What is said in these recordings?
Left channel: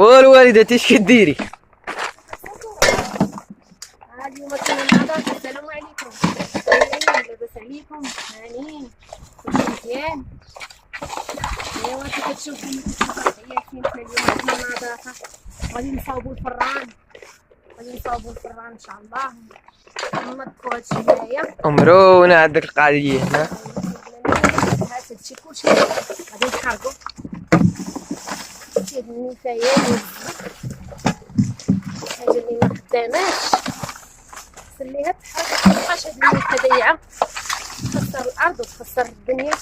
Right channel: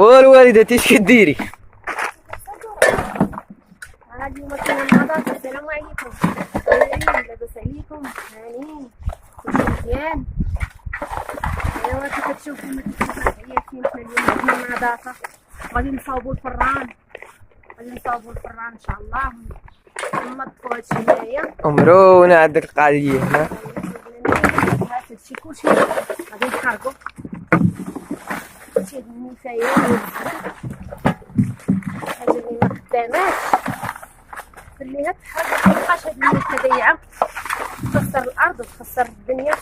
والوالدة ايش كديري؟ اليوم كاين النظافة. السلام عليكم. لاباس عليكم؟ هانيين كلشي مزيان؟ ايوا كي كتشوفوا ما كتشوفوا عياتين. حنا اليوم عندنا النظافة، غادي نصاوبوا الفران، ان شاء الله وننظفوا هادشي هنايا. عمرونا عندك القضية هنا. هادشي كلشي غادي نحرقو. هاد النفايات الحاجة اللي ما خداماش خليها تحرق، مابقاش هاد النيفه ضايعة تخسر الأرض وتخسر الدنيا.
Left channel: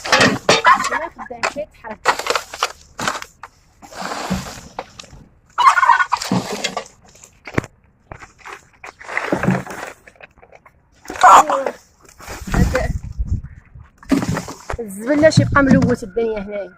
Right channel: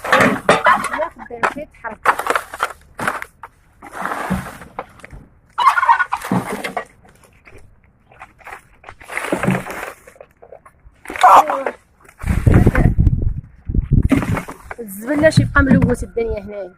ما خدامش تحرق. الزبل شي يبقى ملوث الدنيا هنايا.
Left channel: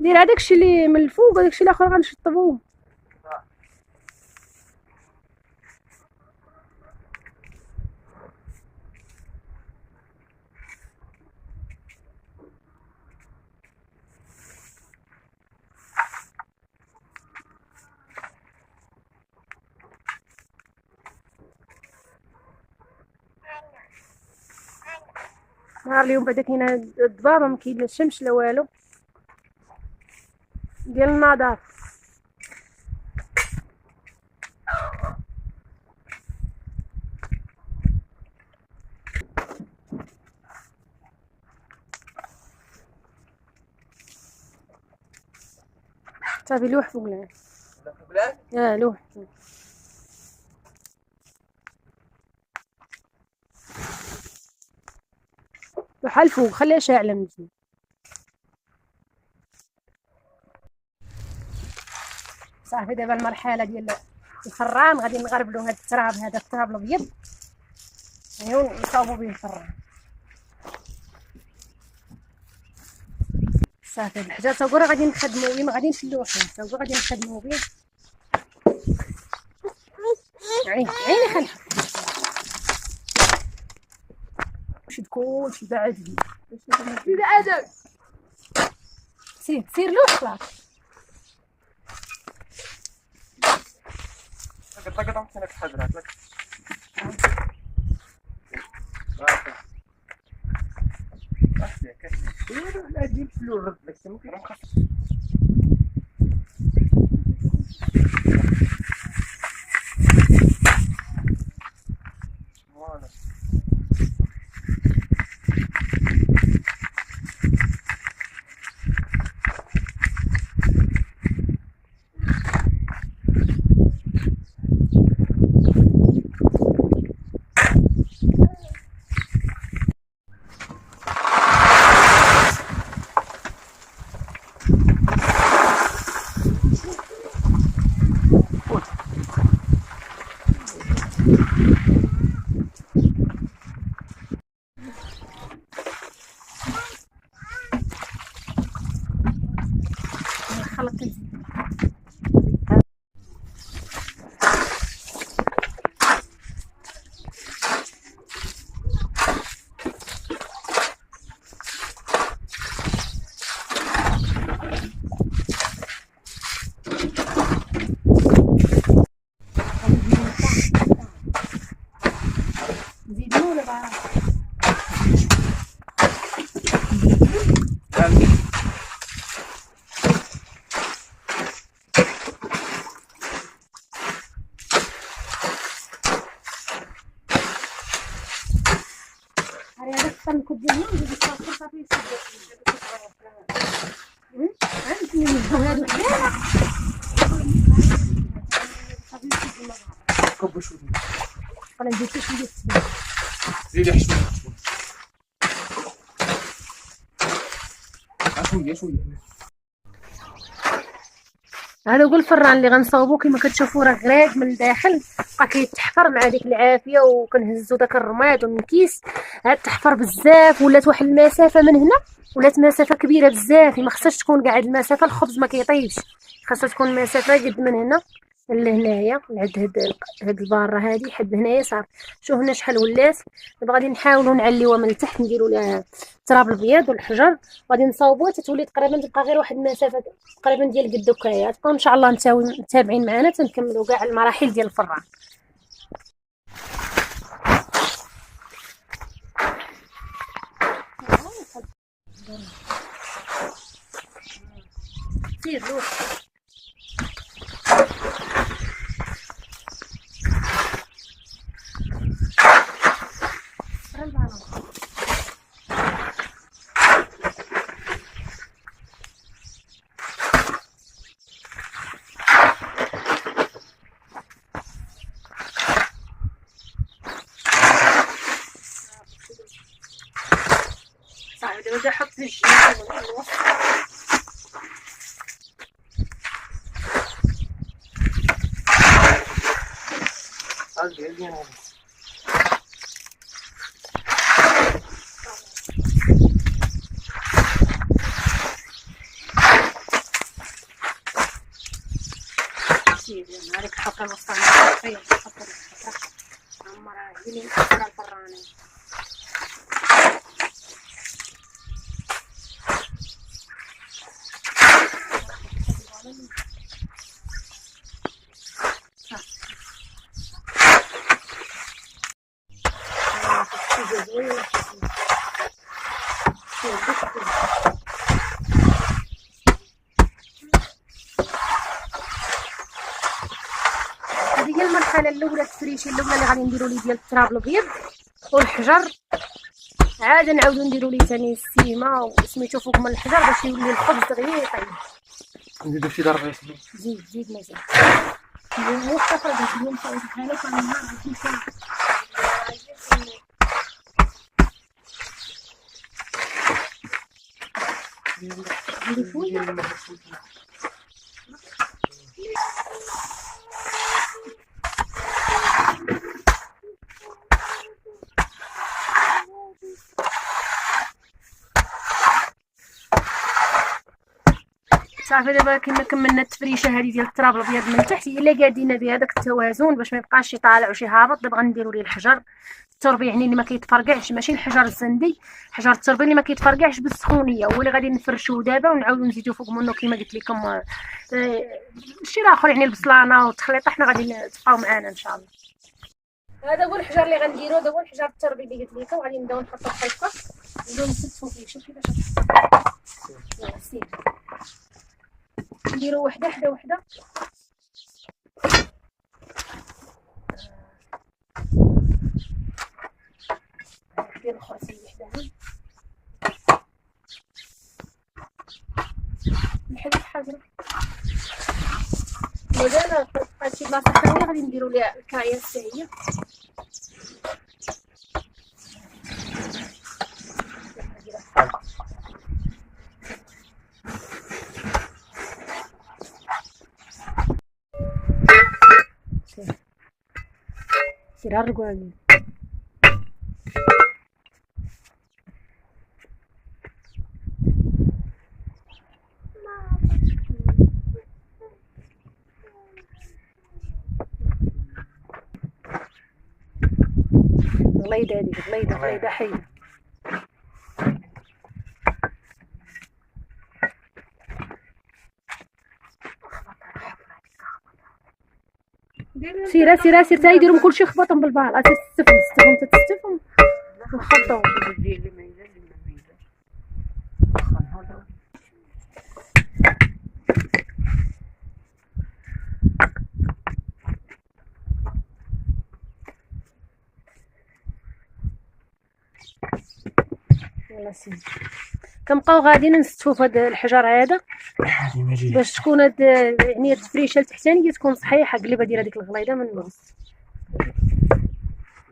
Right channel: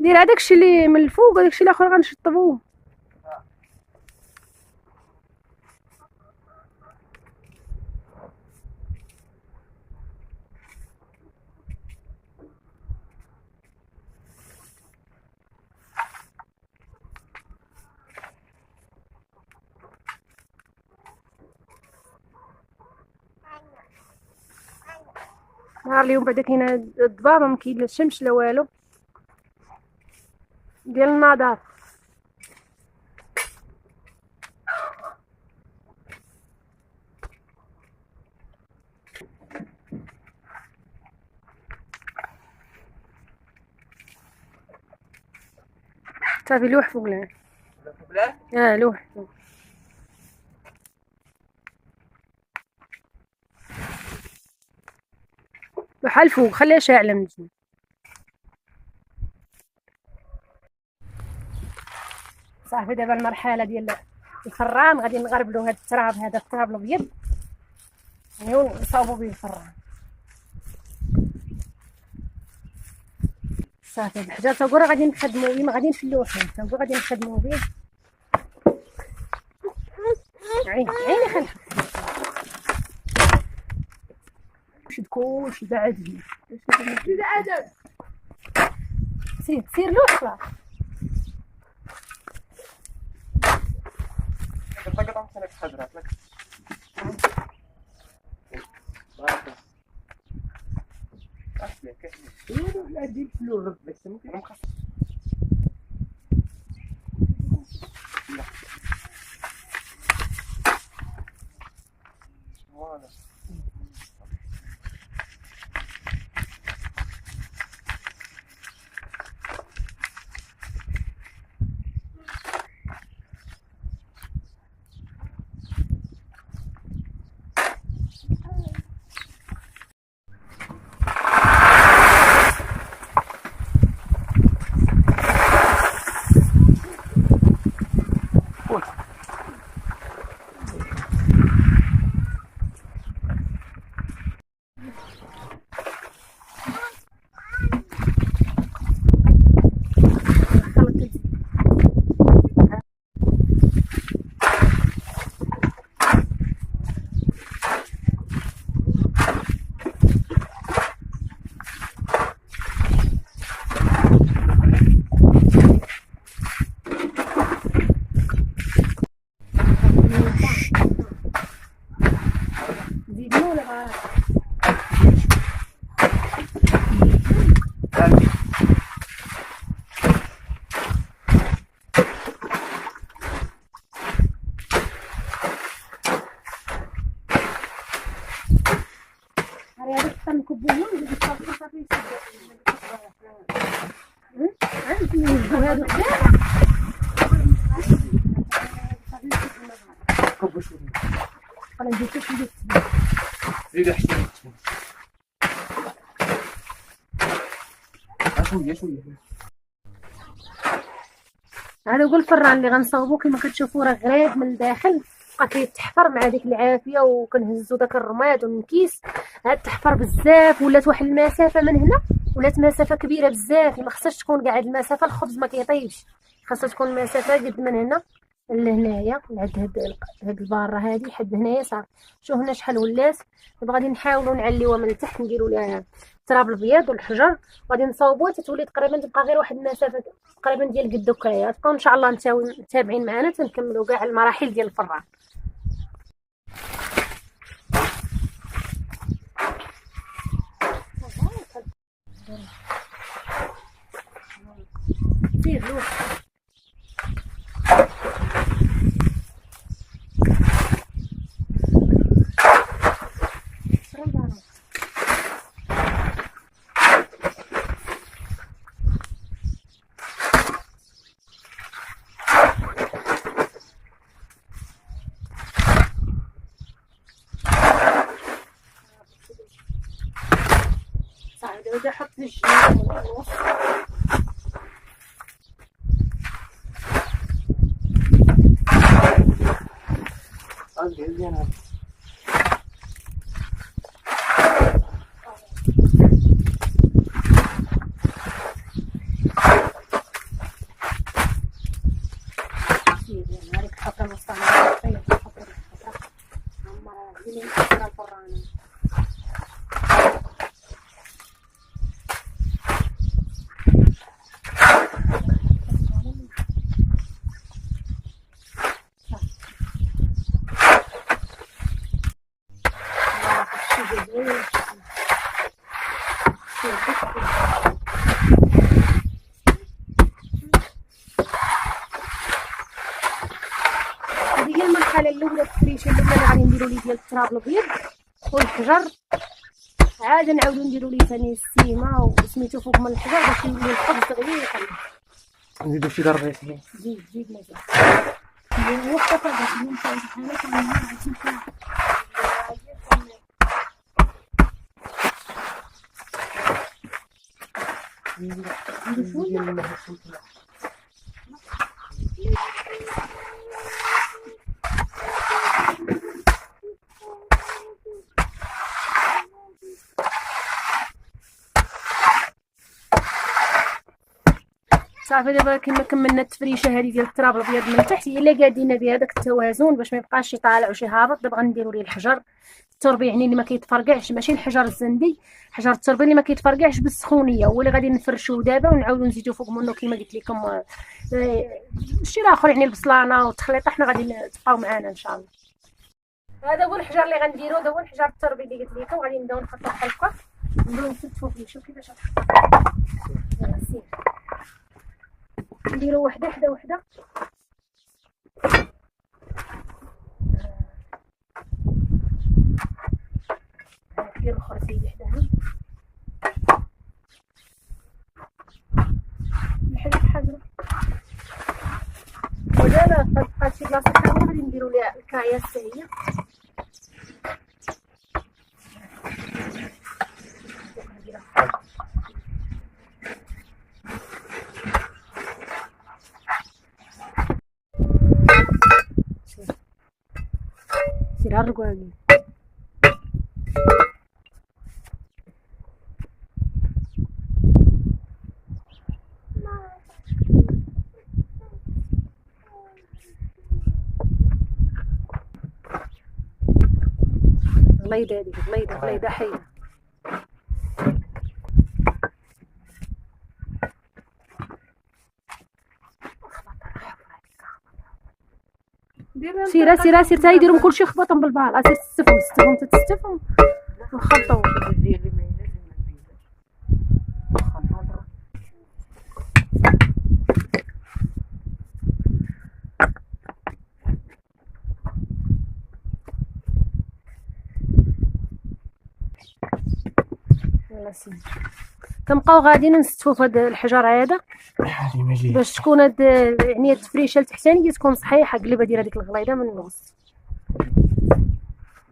دير هذاك الشيء اللي من الفوق وداك الشيء الاخر غنشطبوه. نهار اليوم بعدا كاينه الضبابه، ما كاين لا الشمس لا والو ديال النظافه. صافي لوح فوق العين. لوح بحال فوق، خليها شاعله مزيان. صافي دابا المرحله ديال الفران غادي نغربلو هاد التراب، هذا التراب الابيض ونصاوبو به الفران. صافي الحجر تا هو راه غادي نخدمو به، ما غادي نشلوه فيه، تا هو غادي نخدمو به. عيني خنحط شد كلشي بعد هنا. سير له خلاص. قطعة لك حضرتك لك. لا دير فلور رد لك ممكن فوالا. كب شويه. انا نزيد شويه التبن. زيد شويه شويه. هذا هو الفران اللي غنصاوبو كما كتشوفوا راه غريق من الداخل، بقى كيتحفر مع ديك العافيه، وكنهزو داك الرماد ومن الكيس. هاد تحفر بزاف، ولات واحد المسافه من هنا، ولات مسافه كبيره بزاف، ما خصهاش تكون كاع هاد المسافه، الخبز ما كيطيبش، خاصها تكون مسافه قد من هنا لهنايا، لعند هاد الباره هادي حد هنايا صار. شوف هنا شحال ولات. دابا غادي نحاولوا نعليوها من التحت، نديروا لها التراب الابيض والحجر، غادي نصاوبوها تتولي تقريبا، تبقى غير واحد المسافه تقريبا ديال قد هكايا. تبقاو ان شاء الله متابعين معنا تنكملوا كاع المراحل ديال الفران. سير لوح صاحبي. دابا بدي نحط في الجنب من الوسط. مزيان. هذيك الحفره الوسطانيه فيها الحفره عمرها هي اللي مكسره الفرانه. هذه هي المرحله الاولى، التفريشه الاولى اللي غادي نديروا ليه ديال التراب الابيض والحجر. عاد نعاودو نديرو ليه ثاني السيمه وسميتو فوق من الحجر باش يولي الخبز دغيا يطيب. نزيدو شي ضربه ياسمين. زيد مزيان. اليوم وقت فاضي اليوم صايب بحالك راه النهار غادي تمشي. صافي دابا كملنا التفريشه هذه ديال التراب الابيض من تحت، هي اللي قادينا بها داك التوازن باش ما يبقاش شي طالع وشي هابط. دابا غنديروا ليه الحجر التربي، يعني اللي ما كيتفرقعش، ماشي الحجر الزندي، حجر التربي اللي ما كيتفرقعش بالسخونيه، هو اللي غادي نفرشوه دابا ونعاودو نزيدو فوق منه كما قلت لكم الشيء الاخر، يعني البصلانه والتخليطه. حنا غادي تبقاو معنا ان شاء الله. هذا هو الحجر اللي غنديرو، هذا هو الحجر التربي اللي قلت لكم. غادي نبداو نحطو الحلقه، نبداو نستفوا فيه. شوف كيفاش يلا سير نديرو وحده ديال الاخر سيدي حداها نحيد الحجر. ودابا بقات شي بلاصه ثانيه غادي نديرو ليها الكايه حتى هي. سير الرقاقي غليظه هذيك، غليظه حيه. سير تا يديرهم كلشي خبطهم بالبال. سير تستفهم نخلطو. يلا سيدي كنبقاو غاديين نستفوا في هذا الحجر هذا باش تكون هاد يعني التفريشه التحتانيه تكون صحيحه. قلب ديال هذيك الغليظه من الوسط.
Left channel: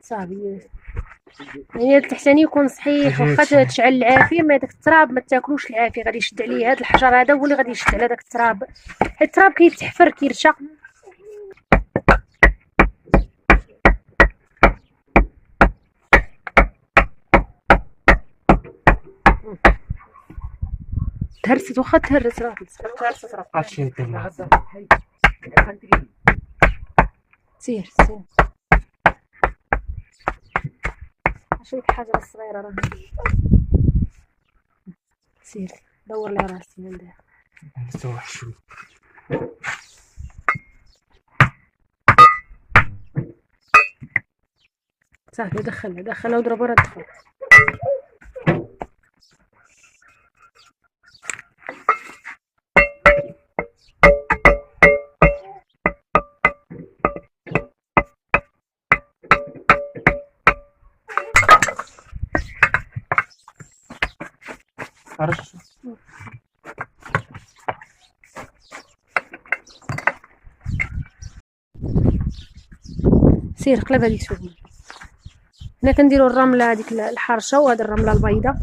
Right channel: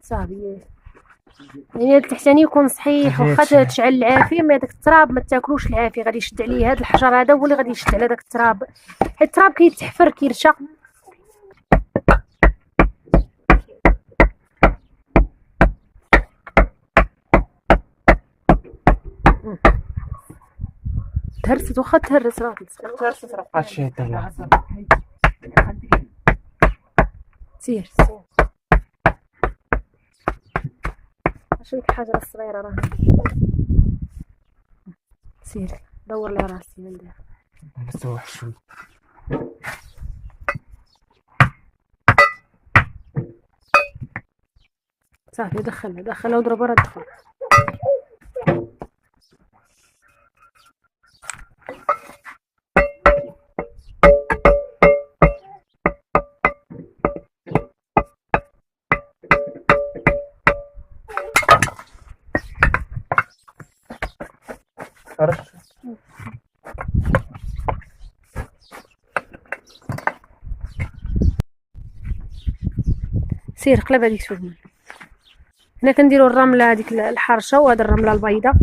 صافي. يعني هاد التحتاني يكون صحيح، واخا تشعل العافيه ما داك التراب ما تاكلوش العافيه، غادي يشد عليه هاد الحجر هذا هو اللي غادي يشد على داك التراب، حيت التراب كيتحفر كيرشق. تهرست واخا تهرس راه تهرست راه بقات شي دابا. سير شوف ديك الحجره الصغيره راه سير دور لي راسي من داير. نسوح شوي. صافي دخلها وضربها راه دخل. عرفت سير قلب هذيك شوف. هنا كنديروا الرمله هذيك الحرشه، وهاد الرمله البيضاء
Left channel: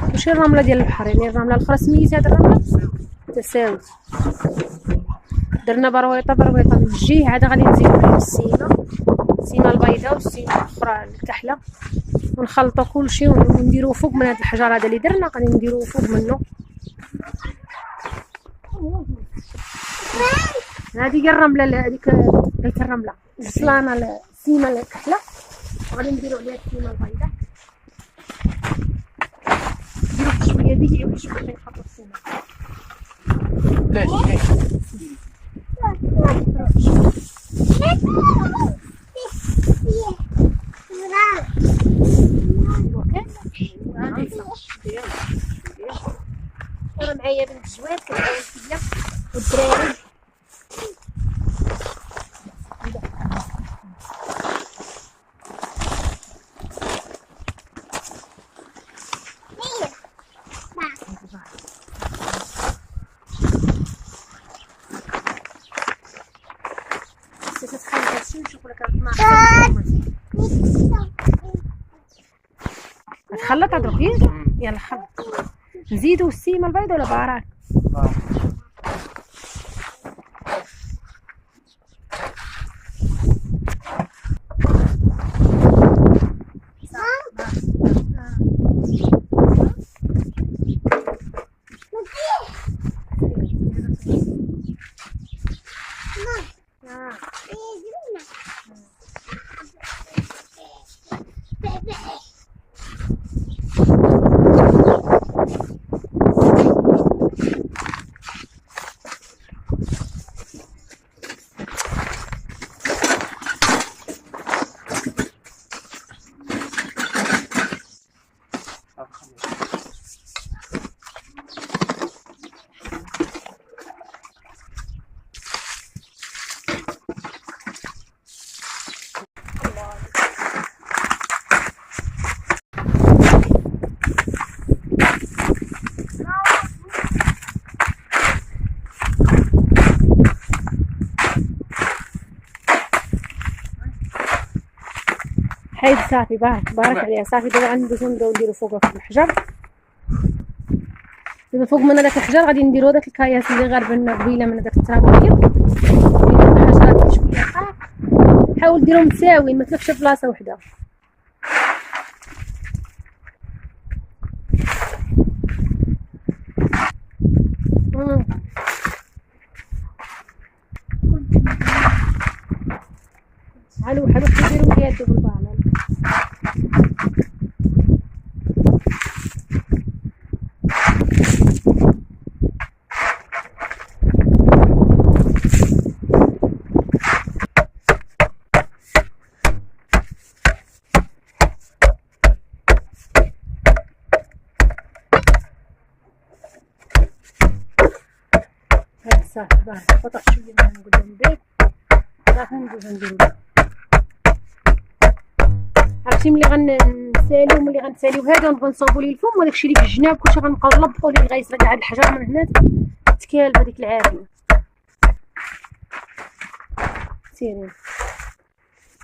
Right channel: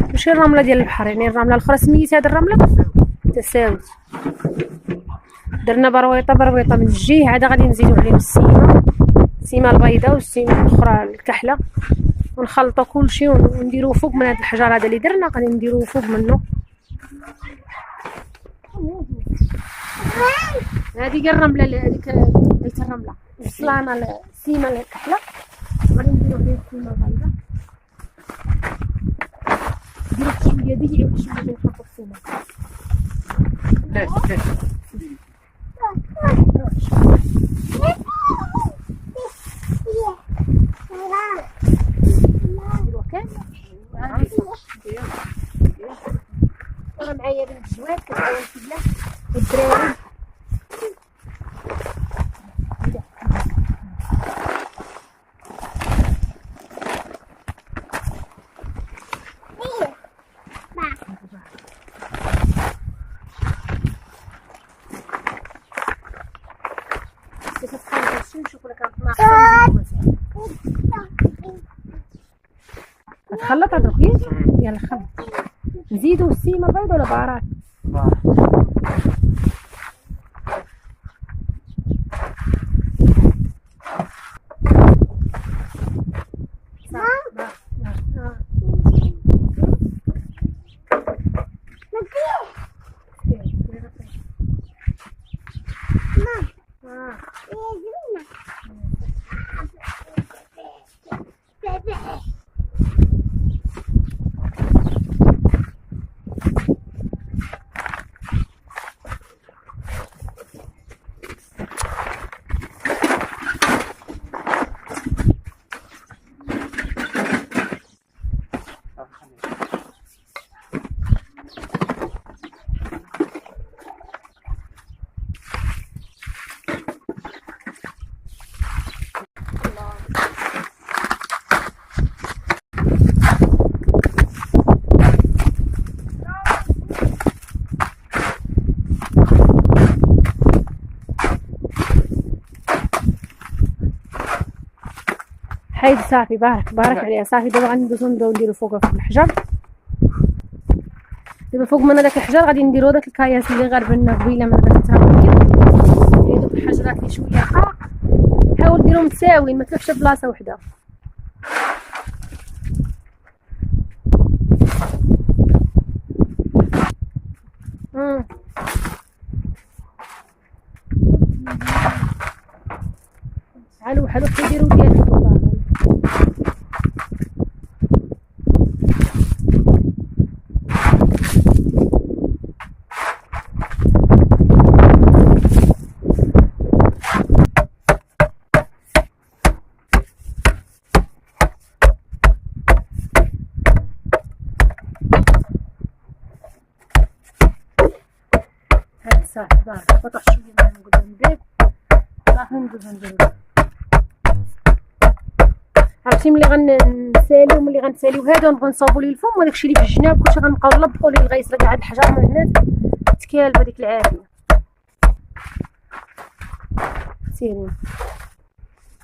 ماشي الرمله ديال البحر، يعني الرمله الاخرى سميت هاد الرمله تساوت. درنا برويطه من الجهه، عاد غادي نزيدو عليهم السيمه البيضاء والسيمه الاخرى الكحله، ونخلطوا كلشي ونديروه فوق من هاد الحجر هذا اللي درنا، غادي نديروه فوق منه. هذه هي الرمله، هذيك قلت الرمله السلانه السيمه الكحله، غادي نديرو فيها السيمه البيضاء. نديرو شويه ديال واحد شويه باش نحطو السيمه. لاش راه معايا بنت الجواد كتعاون فيا والدراري. خلط هذوك يلا خلط. نزيدو السيمه البيضاء ولا بهارات؟ حيد صافي بارك عليها. صافي دابا غندوزو نبداو نديرو فوقها في الحجر. دابا فوق من هذاك الحجر غادي نديرو داك الكياس اللي غربلنا قبيله من هذاك الترابيه. نديرو الحجرات شويه رقاق، حاول ديرهم متساويين ما تلفش بلاصه وحده. حلو كيديروا ديالكم هاد صافي بارك قطع شويه من قدام البيت. صافي ندوزو نديرو عرفتي ملي غنساليو ملي غنساليو هذا ونبغيو نصاوبو ليه الفم وداكشي اللي في الجناب كلشي غنبقاو نلبقو ليه لغايه هاد الحجر من هنا تكال بهاديك العافيه. سيرين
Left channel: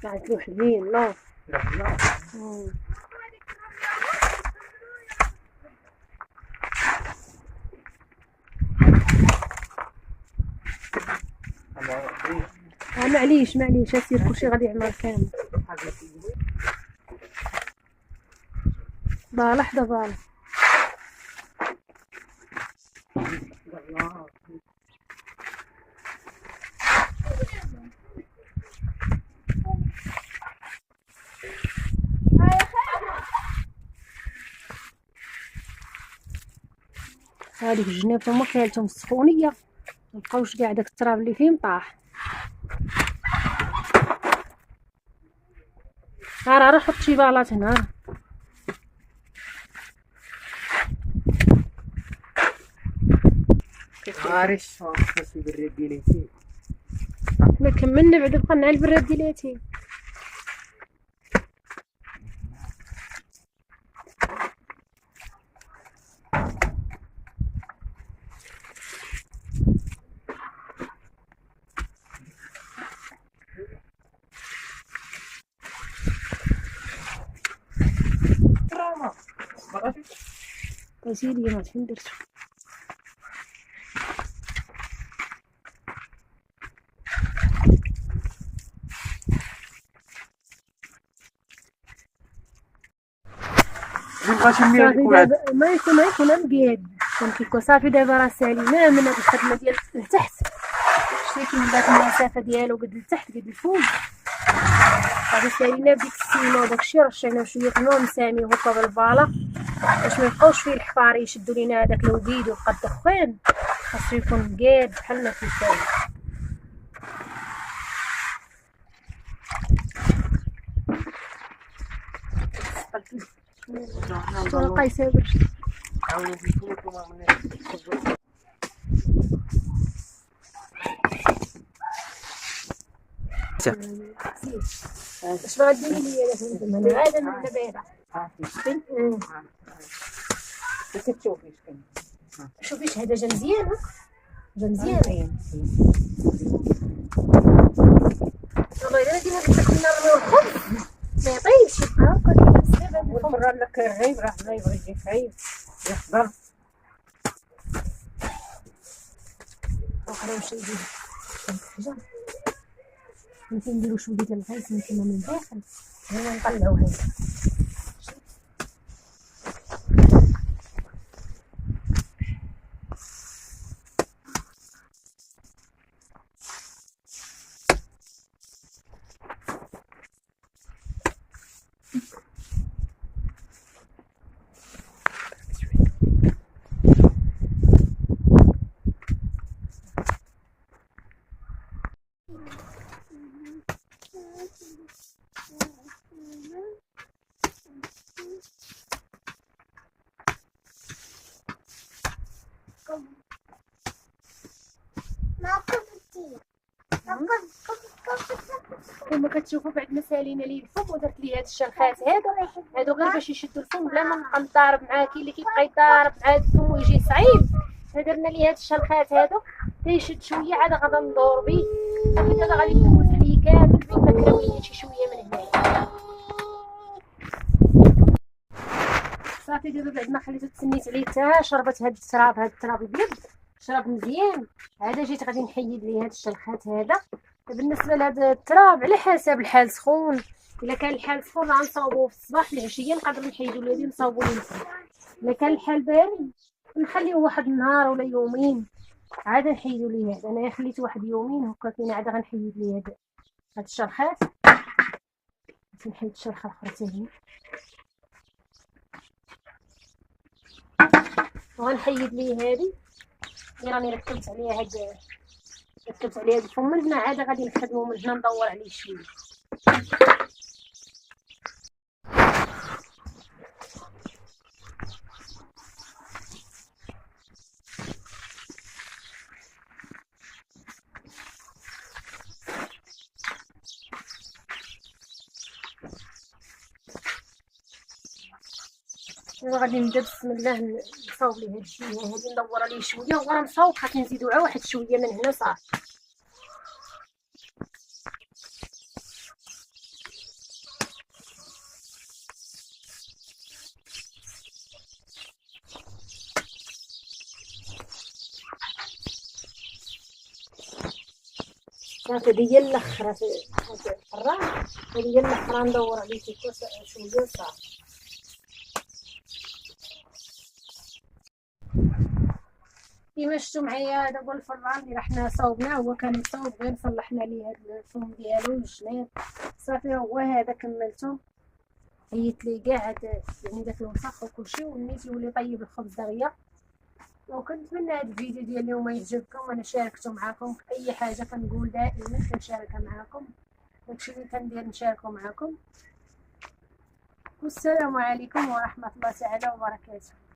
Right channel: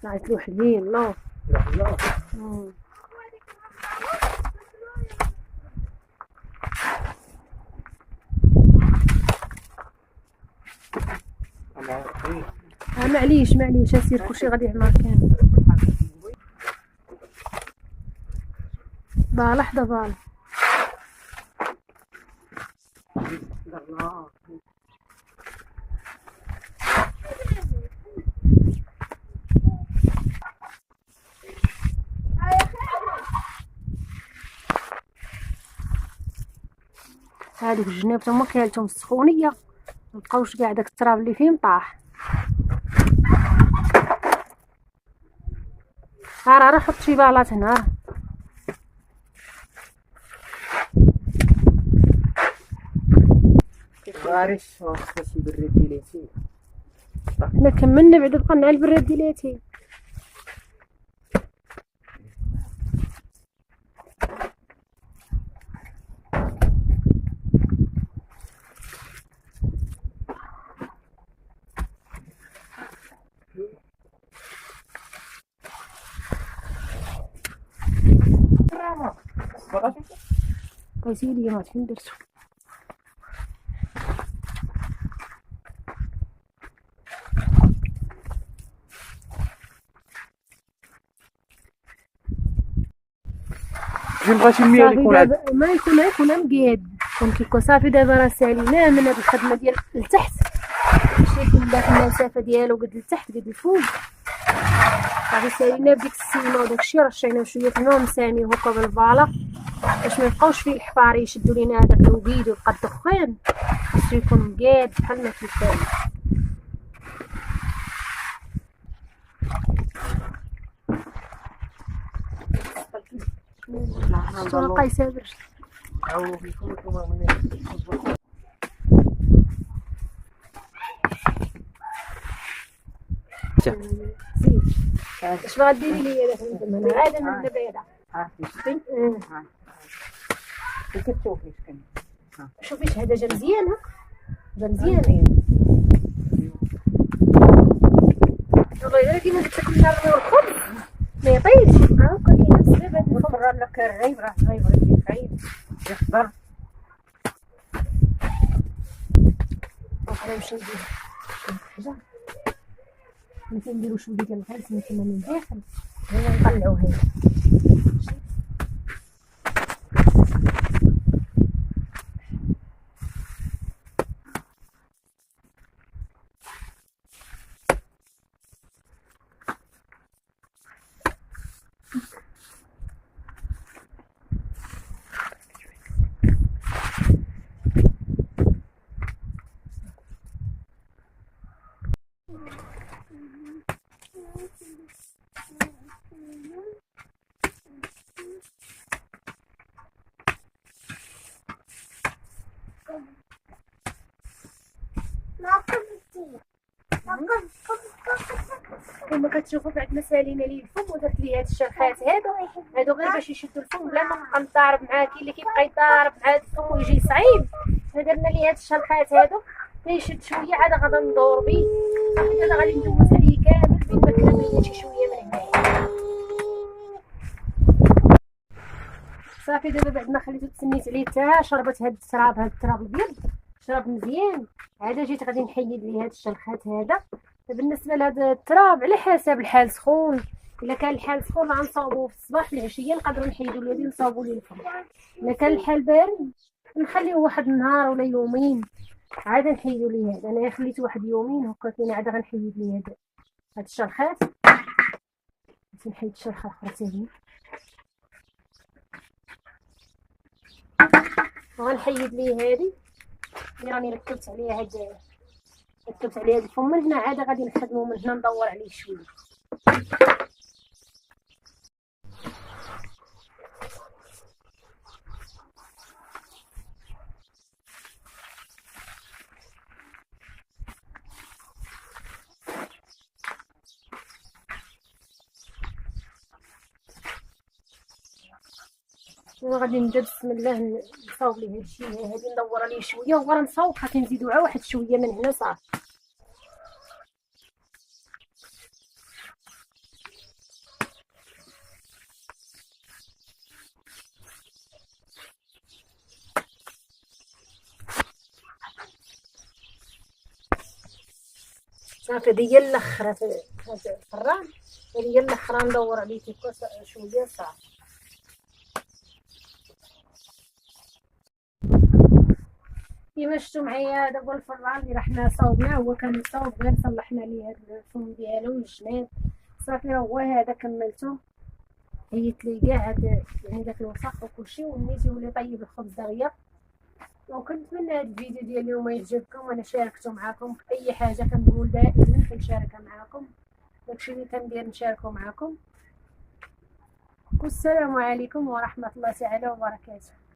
طلعت له حلوين لا. لا معليش اسير كلشي غادي يعمر كامل. لحظة بالا. هاديك الجناب تما كيالتهم السخونية ملقاوش كاع داك التراب اللي فيه طاح. راه حط شي بالات هنا. عارف خاص البراد ديالي ما كملنا بعدا بقى مع البراد ديالاتي. سيدي ما فين درتو. بغيتي المية اللي يكون هاد ما يكون مقيد كيكون صافي. دابا راه سالينا من هاد الخدمة ديال لتحت، شتي كيما المسافة ديالو قد لتحت قد الفوق. صافي سالينا بديك السيمة وداكشي، رشينا شوية الماء مساميه هكا بالبالا باش ميبقاوش فيه الحفار يشدو لينا هداك الوديد ويبقى الدخان. خاصو يكون مقاد بحال ما كيساوي. شتو راه قايسة برشا. عاونوا فيكم وما من اش غديري ليا دابا؟ هذا من بعيدة. كتشوفي شكون شوفي هذا جا مزيان. مزيان. والله ديما قلت لك النار الخبز ما يطيبش. وفرر لك الريب راه غايب يجي خايب يحضر. نمشي ندير حاجة. نديرو شوية ديال الغاز من الداخل ونطلعوه هنا. كما كتشوفوا بعد ما سالينا ليه الفم ودرت ليه هاد الشرخات هادو غير باش يشدوا الفم بلا ما نبقى نضارب معاه. كاين اللي كيبقى يضارب مع هاد الفم ويجي صعيب. درنا ليه هاد الشرخات هادو تيشد شويه عاد غادا ندور بيه. صافي دابا غادي ندوز عليه كامل بين مكرويه شي شويه من هنايا. صافي دابا بعد ما خليته تسنيت عليه حتى شربت هاد التراب الابيض شرب مزيان. عاد جيت غادي نحيد ليه هاد الشلخات هذا. بالنسبه لهذا التراب على حسب الحال سخون. الا كان الحال سخون غنصاوبوه في الصباح العشيه نقدروا نحيدوا ليه هذه نصاوبوا ليه الفم. الا كان الحال بارد نخليوه واحد النهار ولا يومين عاد نحيدوا ليه هذا. انا خليته واحد يومين هكا كاين عاد غنحيد ليه هاد الشلخات. نحيد الشلخه اخرى حتى هي وغنحيد ليه هذه اللي راني ركبت عليها هاد الفم. من هنا عاد غادي نخدمو من هنا ندور عليه شويه. غادي نبدا بسم الله نصاوب ليه هاد الشويه هادي ندور عليه شويه وغنصاوب حتى نزيدو عا واحد شويه من هنا صافي. صافي ديال الاخر في الفراغ، وديال الاخر ندور عليه كيكو شويه صافي. كيما شفتوا معايا دابا الفران اللي حنا صاوبناه هو كان مصاوب، غير صلحنا ليه هاد الفم ديالو والجناب صافي. هو هذا كملته، عيطت ليه كاع هاد يعني داك الوسخ وكلشي، ونيت يولي طيب الخبز دغيا. وكنتمنى هاد الفيديو ديال اليوم يعجبكم، وانا شاركته معكم. اي حاجه كنقول دائما كنشاركها معكم، داكشي اللي كندير نشاركه معكم. والسلام عليكم ورحمه الله تعالى وبركاته.